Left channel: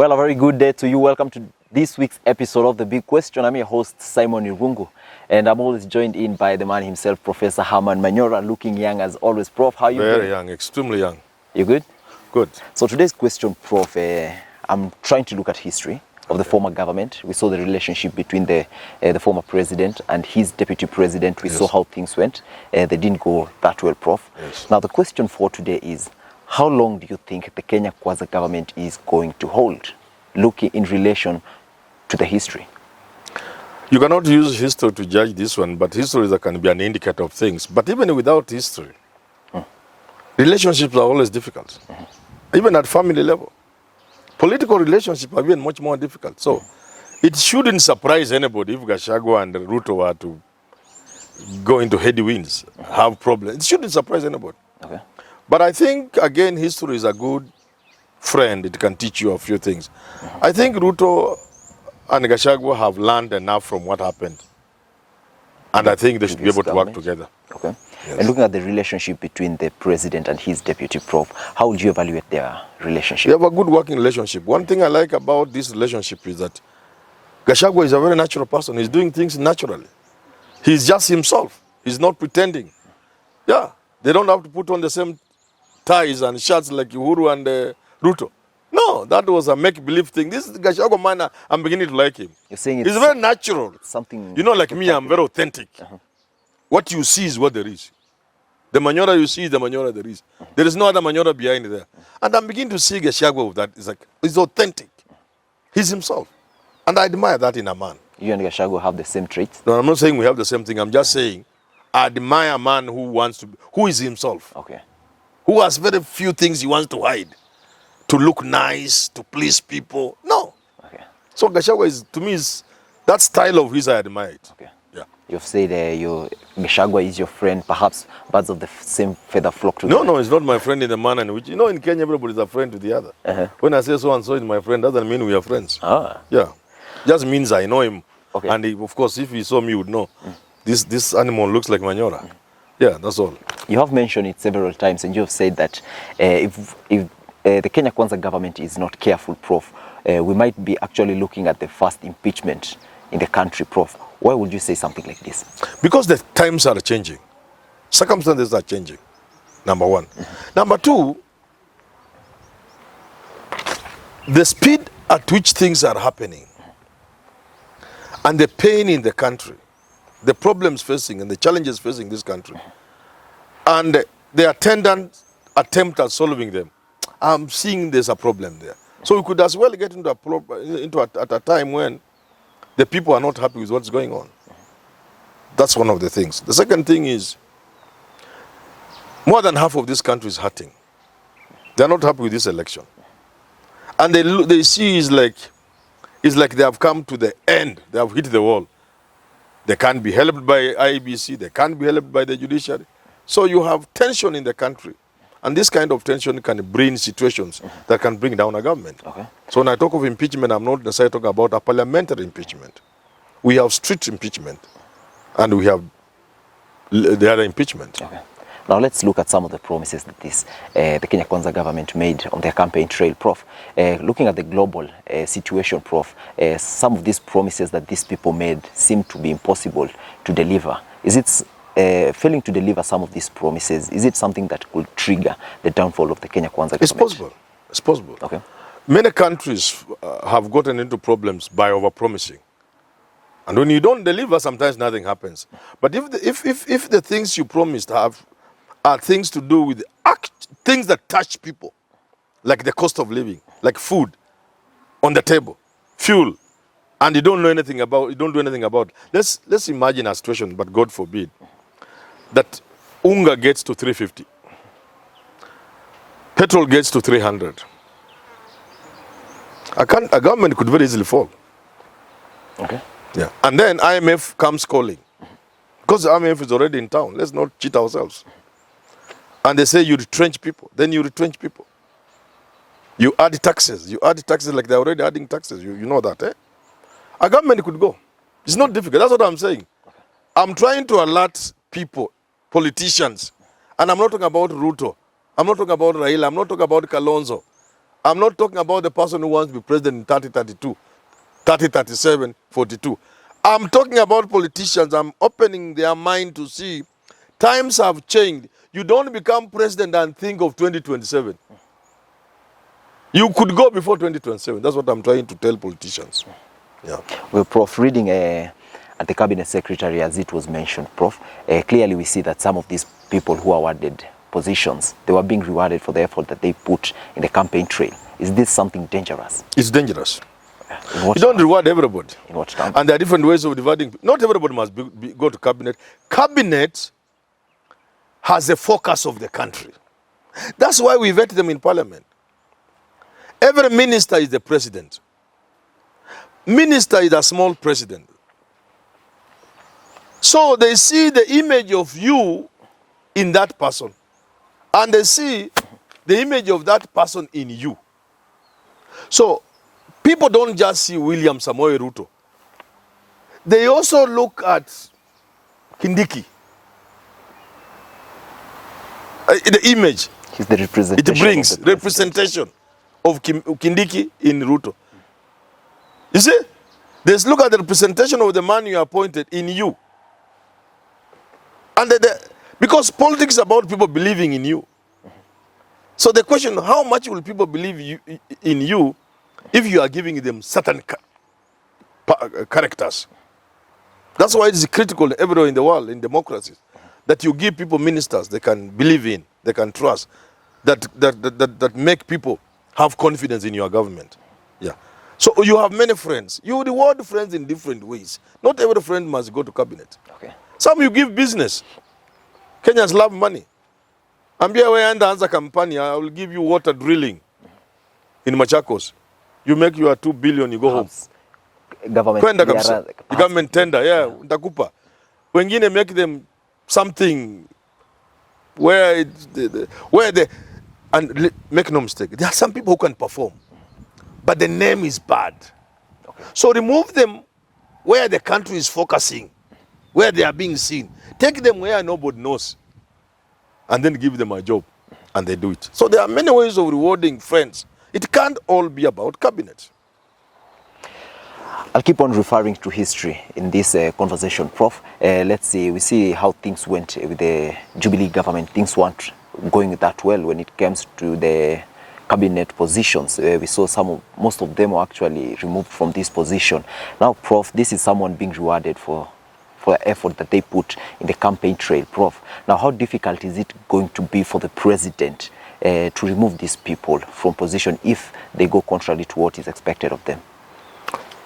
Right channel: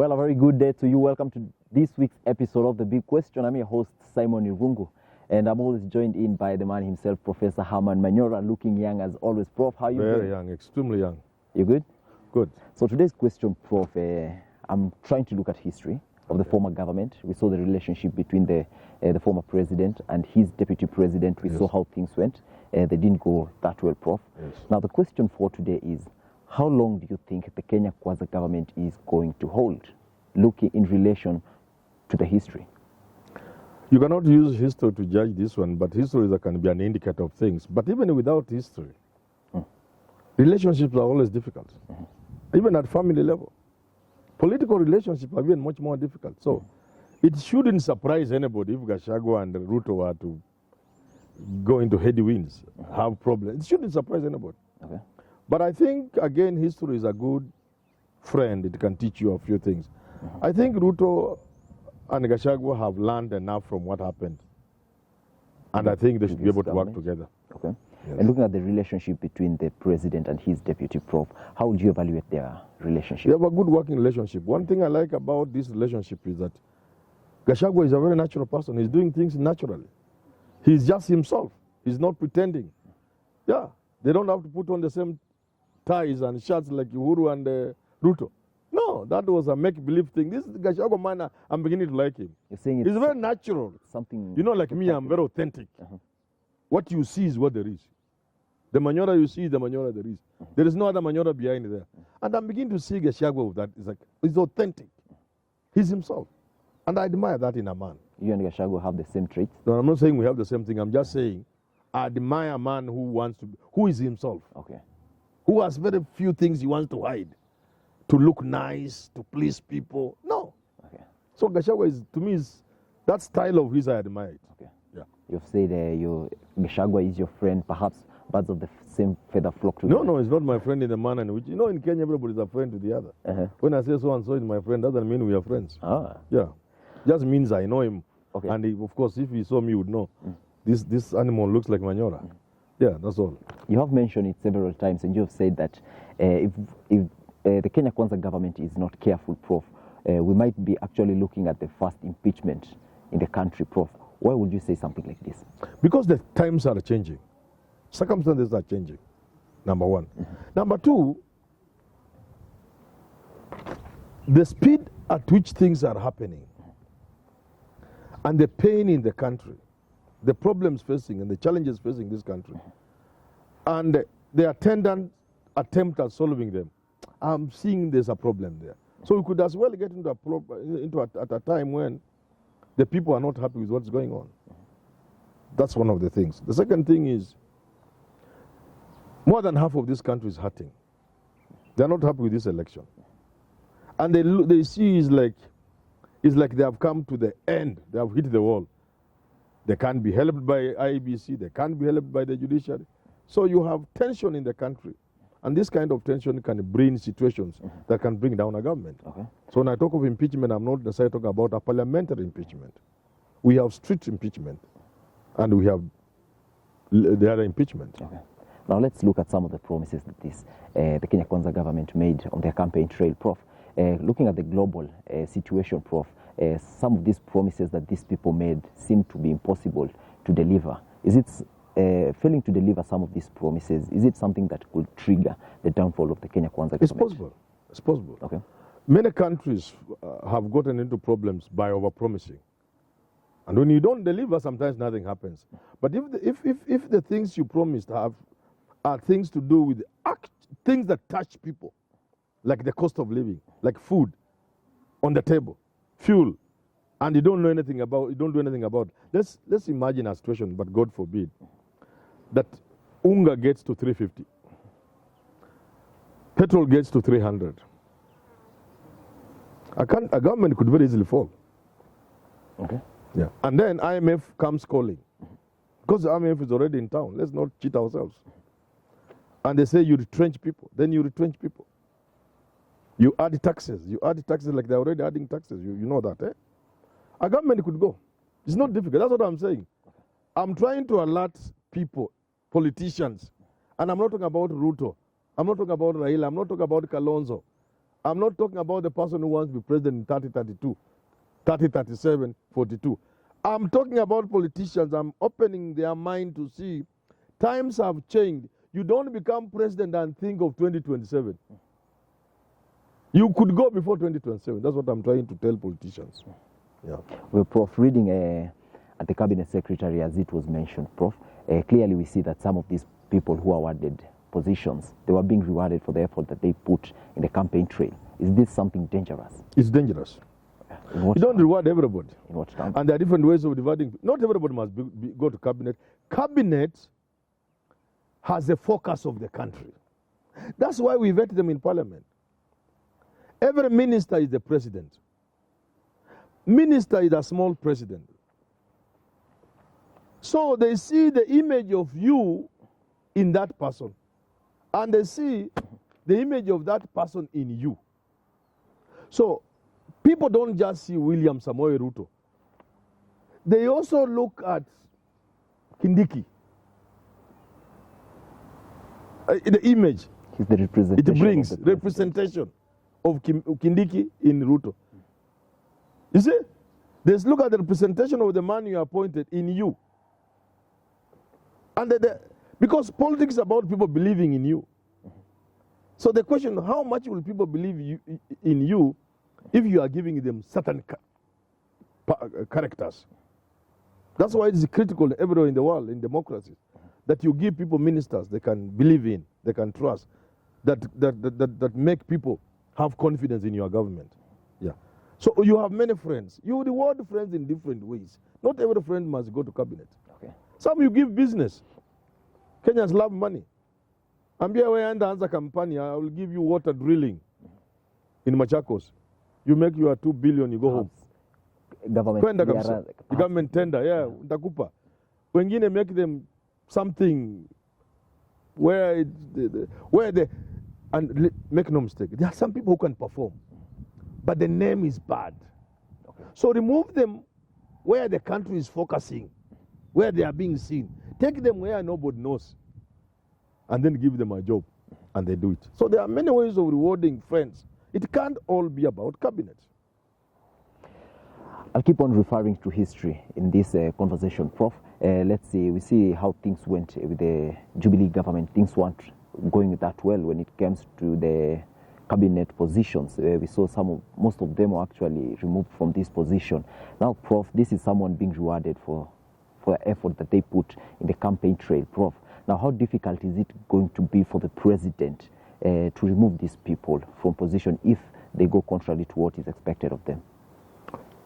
Well, a very good day to you. Welcome to this week's episode of The Big Question. I'm your host, Simon Irungu, and I'm always joined in by the man himself, Professor Herman Manyora, looking young as always. Prof, how are you doing? Very young, extremely young. You good? Good. So today's question, Prof, I'm trying to look at history of the former government. We saw the relationship between the former president and his deputy president. We saw how things went. They didn't go that well, Prof. Yes. Now, the question for today is, how long do you think the Kenya Kwanza government is going to hold, looking in relation to the history? You cannot use history to judge this one, but history can be an indicator of things. But even without history, relationships are always difficult, even at family level. Political relationships are even much more difficult. So it shouldn't surprise anybody if Gachagua and Ruto were to go into headwinds, have problems. It shouldn't surprise anybody. Okay. But I think, again, history is a good friend. It can teach you a few things. I think Ruto and Gachagua have learned enough from what happened. And I think they should be able to work together. Okay. Yes. And looking at the relationship between the president and his deputy, Prof, how would you evaluate their relationship? They have a good working relationship. One thing I like about this relationship is that Gachagua is a very natural person. He's doing things naturally. He's just himself. He's not pretending. Yeah, they don't have to put on the same ties and shirts like Uhuru and Ruto. No, that was a make-believe thing. This Gachagua man, I'm beginning to like him. You're saying He's very natural. Something. You know, like me, I'm very authentic. What you see is what there is. The Manyora you see is the Manyora there is. There is no other Manyora behind there. And I'm beginning to see Gachagua with that. It's like, he's authentic. He's himself. And I admire that in a man. You and Gachagua have the same traits? No, I'm not saying we have the same thing. I'm just saying I admire a man who is himself. Okay. Who has very few things he wants to hide. To look nice, to please people. No. Okay. So Gachagua is, to me, is that style of his I admire it. Okay. Yeah. You've said Gachagua is your friend, perhaps birds of the same feather flock together. No, it's not my friend in the manner in which, you know, in Kenya, everybody's a friend to the other. When I say so and so is my friend, doesn't mean we are friends. Yeah. Just means I know him. Okay. And he, of course, if he saw me, he would know. This animal looks like Manyora. Yeah, that's all. You have mentioned it several times, and you have said that if the Kenya Kwanza government is not careful, Prof, we might be actually looking at the first impeachment in the country, Prof. Why would you say something like this? Because the times are changing. Circumstances are changing, number one. Number two, the speed at which things are happening and the pain in the country, the problems facing and the challenges facing this country, and the attendant attempt at solving them, I'm seeing there's a problem there. So we could as well get into at a time when the people are not happy with what's going on. That's one of the things. The second thing is, more than half of this country is hurting. They're not happy with this election. And they see it's like they have come to the end. They have hit the wall. They can't be helped by IEBC. They can't be helped by the judiciary. So you have tension in the country. And this kind of tension can bring situations that can bring down a government. Okay. So when I talk of impeachment, I'm not necessarily talking about a parliamentary impeachment. We have strict impeachment, and we have the other impeachment. Okay. Now let's look at some of the promises that the Kenya Kwanza government made on their campaign trail, Prof. Looking at the global situation, Prof, some of these promises that these people made seem to be impossible to deliver. Is it failing to deliver some of these promises? Is it something that could trigger the downfall of the Kenya Kwanza government? It's possible. It's possible. Okay. Many countries have gotten into problems by overpromising. And when you don't deliver, sometimes nothing happens. But if the things you promised are things to do with things that touch people, like the cost of living, like food on the table, fuel, and you don't do anything about. Let's imagine a situation, but God forbid, that unga gets to 350, petrol gets to 300. A government could very easily fall. Okay. Yeah. And then IMF comes calling. Because the IMF is already in town. Let's not cheat ourselves. And they say you retrench people. Then you retrench people. You add taxes. You add taxes like they're already adding taxes. You know that, eh? A government could go. It's not difficult. That's what I'm saying. I'm trying to alert people, politicians. And I'm not talking about Ruto. I'm not talking about Raila. I'm not talking about Kalonzo. I'm not talking about the person who wants to be president in 3032, 3037, 42. I'm talking about politicians. I'm opening their mind to see times have changed. You don't become president and think of 2027. You could go before 2027. That's what I'm trying to tell politicians. Yeah. Well, Prof, reading at the Cabinet Secretary, as it was mentioned, Prof, clearly we see that some of these people who are awarded positions, they were being rewarded for the effort that they put in the campaign trail. Is this something dangerous? It's dangerous. You don't reward everybody. In what terms? And there are different ways of rewarding. Not everybody must go to cabinet. Cabinet has a focus of the country. That's why we vet them in parliament. Every minister is the president. Minister is a small president. So they see the image of you in that person. And they see the image of that person in you. So people don't just see William Samoei Ruto. They also look at Kindiki. The image. He's the representation. It brings representation of Kindiki in Ruto. You see? They look at the representation of the man you appointed in you. And because politics is about people believing in you. So the question, how much will people believe in you if you are giving them certain characters? That's why it is critical everywhere in the world, in democracies, that you give people ministers they can believe in, they can trust, that make people have confidence in your government. Yeah. So you have many friends. You reward friends in different ways. Not every friend must go to cabinet. Okay. Some you give business. Kenyans love money. Ambia we anda anza kampani, I will give you water drilling in Machakos. You make your 2 billion, you go home. Government tender, yeah, nitakupa. Wengine make them something where and make no mistake, there are some people who can perform, but the name is bad. Okay. So remove them where the country is focusing, where they are being seen. Take them where nobody knows, and then give them a job, and they do it. So there are many ways of rewarding friends. It can't all be about cabinet. I'll keep on referring to history in this conversation, Prof. Let's see, we see how things went with the Jubilee government. Things weren't going that well when it comes to the cabinet positions. We saw most of them were actually removed from this position. Now, Prof, this is someone being rewarded for the effort that they put in the campaign trail, Prof. Now, how difficult is it going to be for the president to remove these people from position if they go contrary to what is expected of them?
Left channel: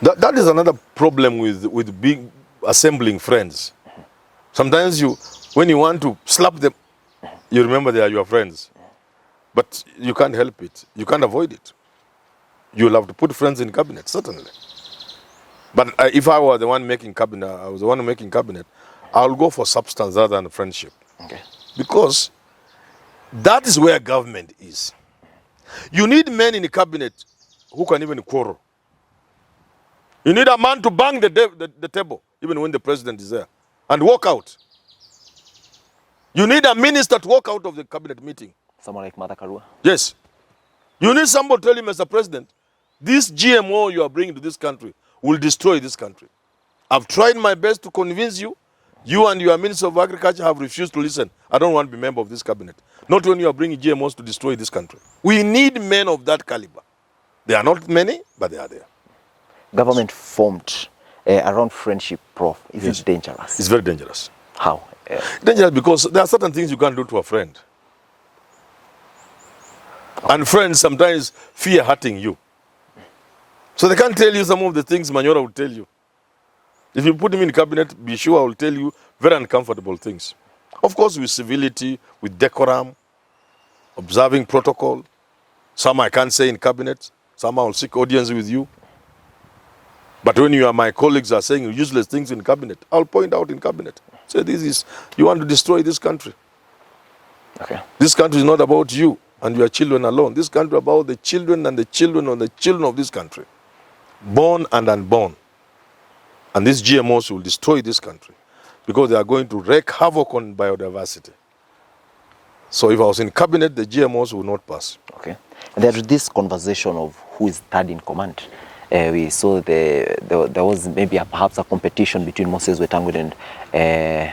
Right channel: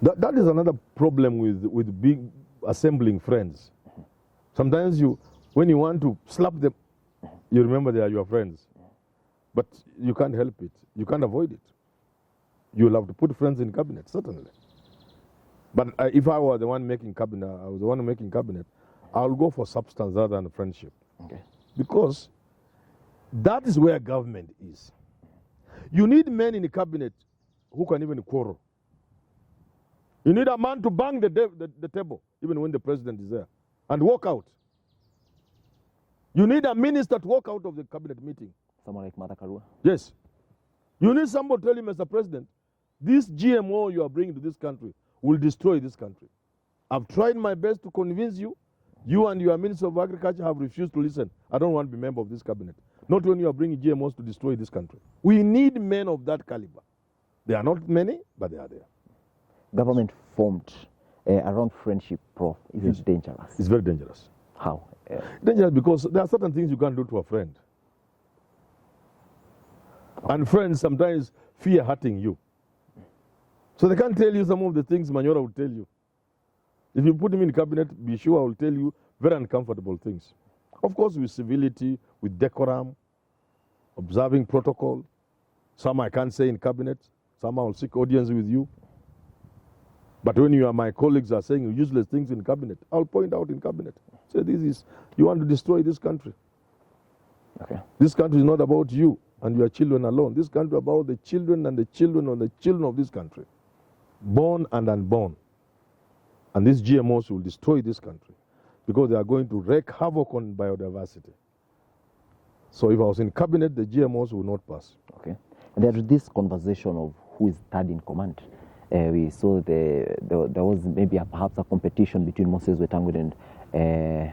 That is another problem with big assembling friends. Sometimes when you want to slap them, you remember they are your friends. But you can't help it. You can't avoid it. You'll have to put friends in cabinet, certainly. But if I were the one making cabinet, I was the one making cabinet, I'll go for substance rather than friendship. Okay. Because that is where government is. You need men in the cabinet who can even quarrel. You need a man to bang the table, even when the president is there, and walk out. You need a minister to walk out of the cabinet meeting. Someone like Martha Karua? Yes. You need somebody to tell him, Mr. President, this GMO you are bringing to this country will destroy this country. I've tried my best to convince you. You and your Minister of Agriculture have refused to listen. I don't want to be member of this cabinet. Not when you are bringing GMOs to destroy this country. We need men of that caliber. They are not many, but they are there. Government formed around friendship, Prof. Is it dangerous? It's very dangerous. How? Dangerous because there are certain things you can't do to a friend. Okay. And friends sometimes fear hurting you. So they can't tell you some of the things Manyora will tell you. If you put him in cabinet, be sure I will tell you very uncomfortable things. Of course, with civility, with decorum, observing protocol. Some I can't say in cabinet. Some I will seek audience with you. But when my colleagues are saying useless things in cabinet, I'll point out in cabinet. Say, you want to destroy this country. Okay. This country is not about you and your children alone. This country is about the children and the children and the children of this country. Born and unborn. And these GMOs will destroy this country because they are going to wreak havoc on biodiversity. So if I was in cabinet, the GMOs will not pass. Okay. There's this conversation of who is third in command. We saw there was maybe perhaps a competition between Moses Wetangula and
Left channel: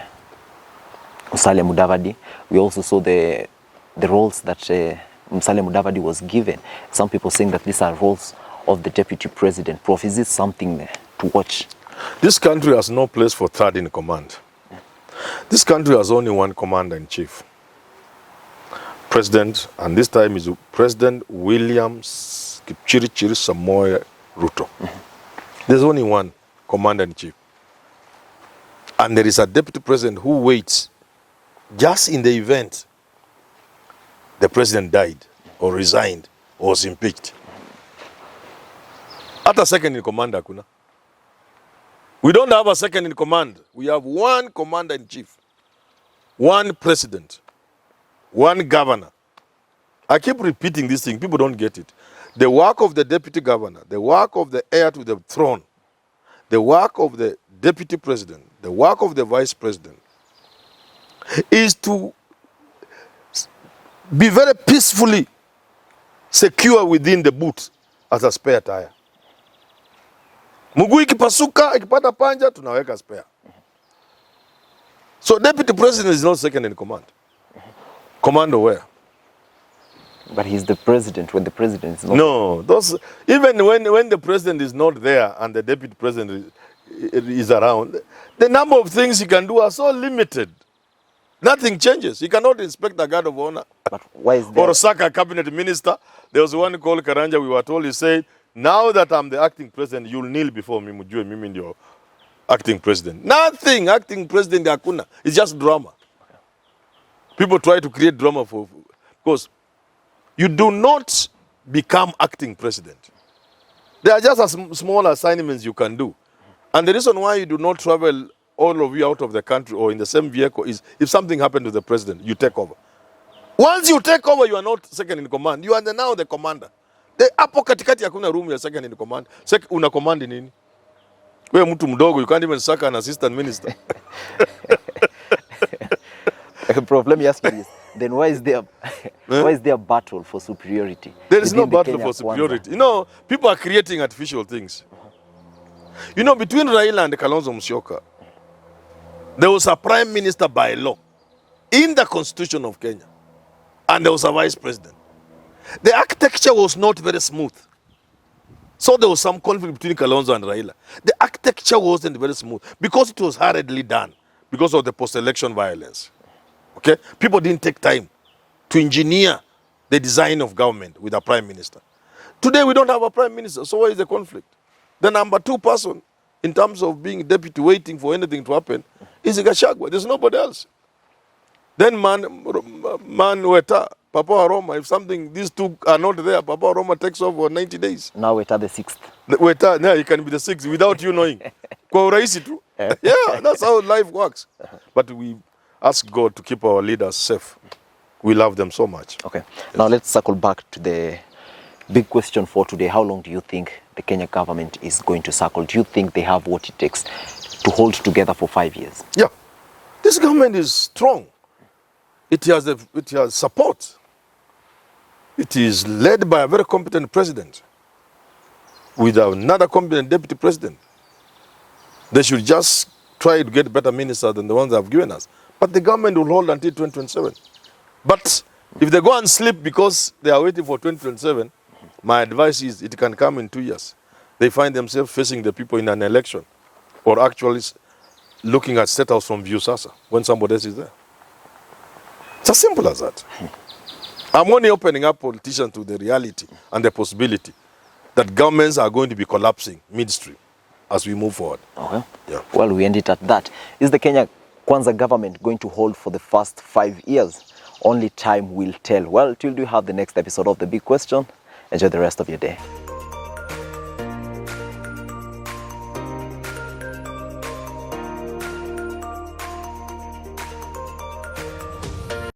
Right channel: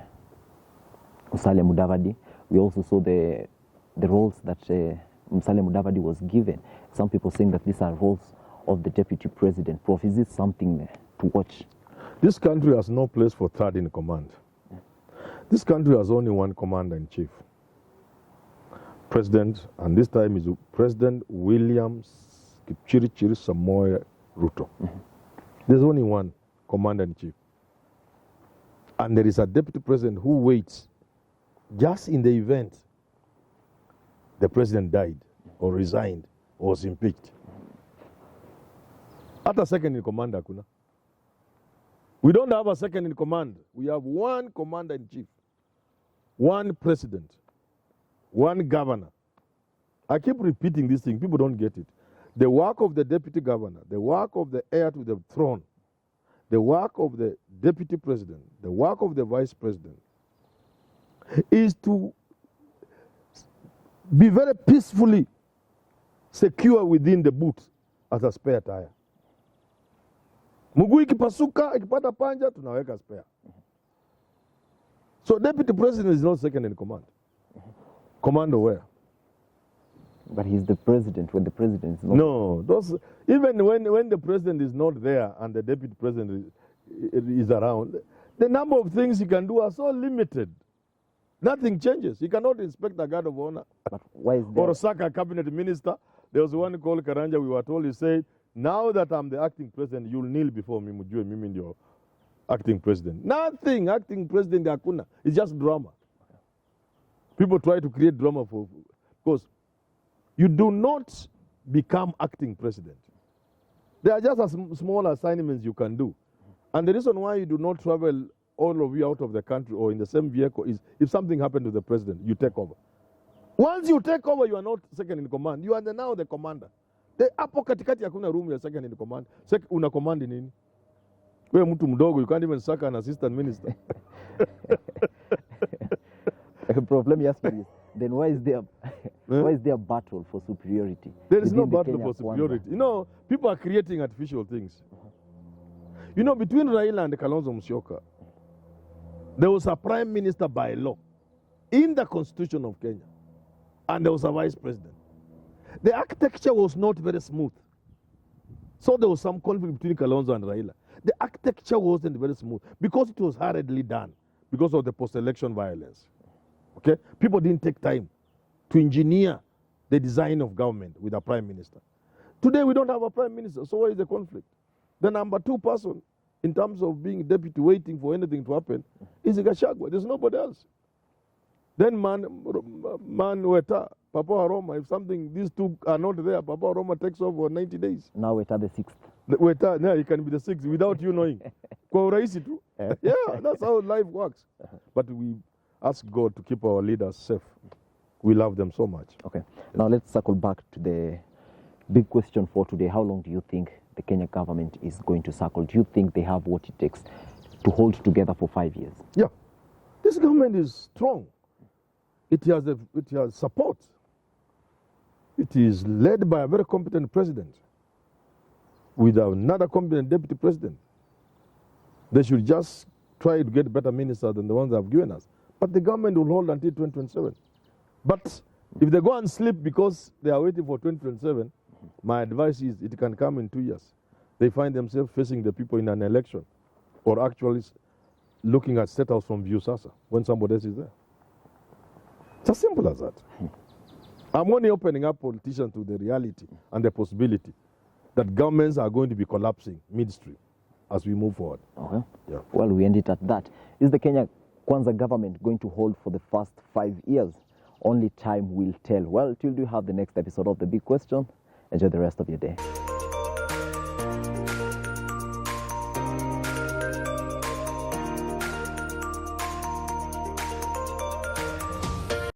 Musalia Mudavadi. We also saw the roles that Musalia Mudavadi was given. Some people saying that these are roles of the deputy president. Prof, is this something to watch? This country has no place for third in command. This country has only one commander-in-chief. President, and this time is President William Kipchirchir Samoei Ruto. There's only one commander-in-chief. And there is a deputy president who waits just in the event the president died or resigned or was impeached. At a second in command, hakuna. We don't have a second in command. We have one commander-in-chief, one president, one governor. I keep repeating this thing. People don't get it. The work of the deputy governor, the work of the heir to the throne, the work of the deputy president, the work of the vice president is to be very peacefully secure within the boot as a spare tire. Mguu ikipasuka, ikipata panja, tunaweka spare. So deputy president is not second in command. Commando where? But he's the president when the president is not. No, even when the president is not there and the deputy president is around, the number of things he can do are so limited. Nothing changes. He cannot inspect the guard of honor. But why is there? Or sack a cabinet minister. There was one called Karanja, we were told, he said, now that I'm the acting president, you'll kneel before me, mujue mimi ndio acting president. Nothing, acting president hakuna. It's just drama. Okay. People try to create drama because you do not become acting president. There are just small assignments you can do. And the reason why you do not travel all of you out of the country or in the same vehicle is if something happened to the president, you take over. Once you take over, you are not second in command. You are now the commander. Hapo katikati hakuna room ya second in command. Una command nini? Wewe mtu mdogo, you can't even sack an assistant minister. Prof, let me ask you this. Then why is there a battle for superiority? There is no battle for superiority. You know, people are creating artificial things. You know, between Raila and Kalonzo Musyoka, there was a prime minister by law in the constitution of Kenya. And there was a vice president. The architecture was not very smooth. So there was some conflict between Kalonzo and Raila. The architecture wasn't very smooth because it was hurriedly done because of the post-election violence. Okay? People didn't take time to engineer the design of government with a prime minister. Today we don't have a prime minister, so where is the conflict? The number two person in terms of being deputy waiting for anything to happen is Gachagua. There's nobody else. Then Weta, Papa Aroma, if something, these two are not there, Papa Aroma takes off for 90 days. Now Weta the 6th. Weta, yeah, he can be the 6th without you knowing. Kwa urahisi tu. Yeah, that's how life works. But we ask God to keep our leaders safe. We love them so much. Okay. Yes. Now let's circle back to the big question for today. How long do you think the Kenya government is going to circle? Do you think they have what it takes to hold together for 5 years? Yeah. This government is strong. It has support. It is led by a very competent president with another competent deputy president. They should just try to get better ministers than the ones they have given us. But the government will hold until 2027. But if they go and sleep because they are waiting for 2027, my advice is it can come in 2 years. They find themselves facing the people in an election or actually looking at State House from Viusasa when somebody else is there. It's as simple as that. I'm only opening up politicians to the reality and the possibility that governments are going to be collapsing midstream as we move forward. Okay. Yeah. Well, we end it at that. Is the Kenya Kwanza government going to hold for the first 5 years? Only time will tell. Well, till we have the next episode of The Big Question, enjoy the rest of your day.